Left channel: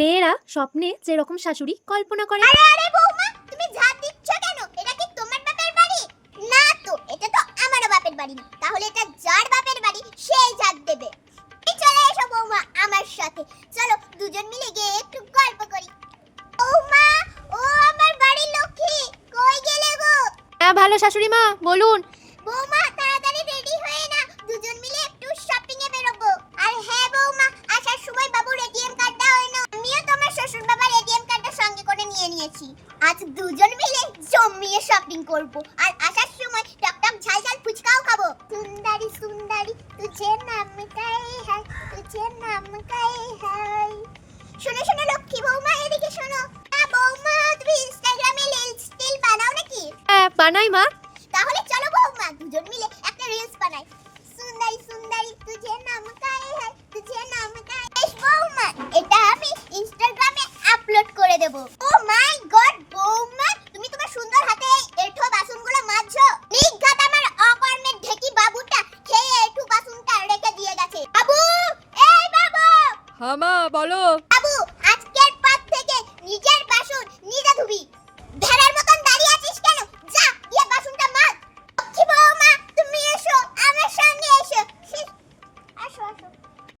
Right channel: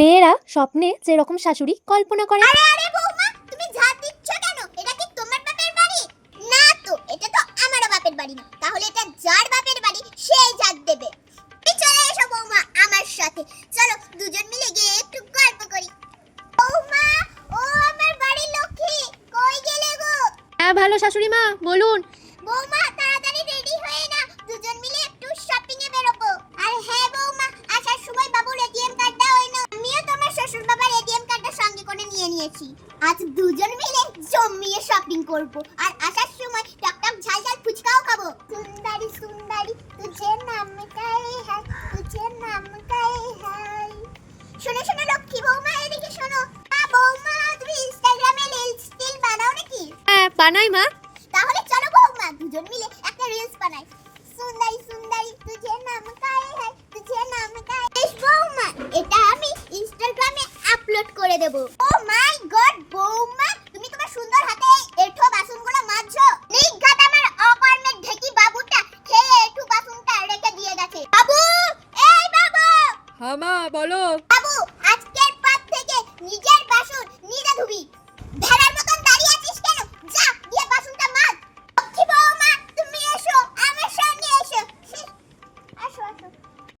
মেয়েরা স্বপ্নে যেরকম শাশুড়ি কল্পনা করে। আরে আরে বৌমা, তুমি ঝাড় দিচ্ছ কেন? এটা কি তোমার বাপের বাড়ি? না তো, এটা তো আমারও বাপের বাড়ি। তাহলে এটা যার বাপের বাড়ি সেই ঝাড় দেবে। এই চলে এসো বৌমা আমার সাথে, চলো দুজন মিলে গিয়ে একটু গল্প করি। বৌমা, ও আমার বাড়ির লক্ষ্মী, কই গেলে গো? হ্যাঁ ভালো শাশুড়ি মা, বলুন। বৌমা তাড়াতাড়ি রেডি হয়ে না, দুজন মিলে একটু শপিং এ বেরোবো। আর হ্যাঁ বৌমা, আসার সময় বাবুর এটিএম কার্ডটা এনো। আমিও তোমার শ্বশুর বাবার এটিএম কার্ডটা সঙ্গে করে নিয়ে নিয়েছি। আজ দুজন মিলে জমিয়ে শপিং করব। আর আসার সময় টকটক ঝালঝাল ফুচকাও খাবো। সুন্দরী সুন্দরী তুঝে নাম কাই হ্যায়, তুঝে নাম কাই হ্যায়। শোনো শোনো লক্ষ্মী বৌমা, এদিকে শোনো। বৌমা, তুমি ইনস্টাগ্রামে রিল বানাও নাকি? হ্যাঁ বানাই মা। তাহলে চলো বৌমা দুজন মিলে একটা রিলস বানাই। সুন্দরী সুন্দরী তুঝে নাম কাই হ্যায়, তুঝে নাম কাই। বেশ বৌমা, এটা আমি ইনস্টাগ্রামে আপলোড করে দেব। ও মাই গড বৌমা, তুমি তোমার সুন্দর হাতে এঁঠো বাসনগুলো মাজছো। নিঘাত আমার অকর্মের ঢেকি বাবুটা খেয়ে এঁঠো বাসনটা রেখে দিয়ে গেছে। বাবু, এই বাবু। হ্যাঁ মা বলো। বাবু, আজকের পর থেকে নিজের বাসন নিজে ধুবি।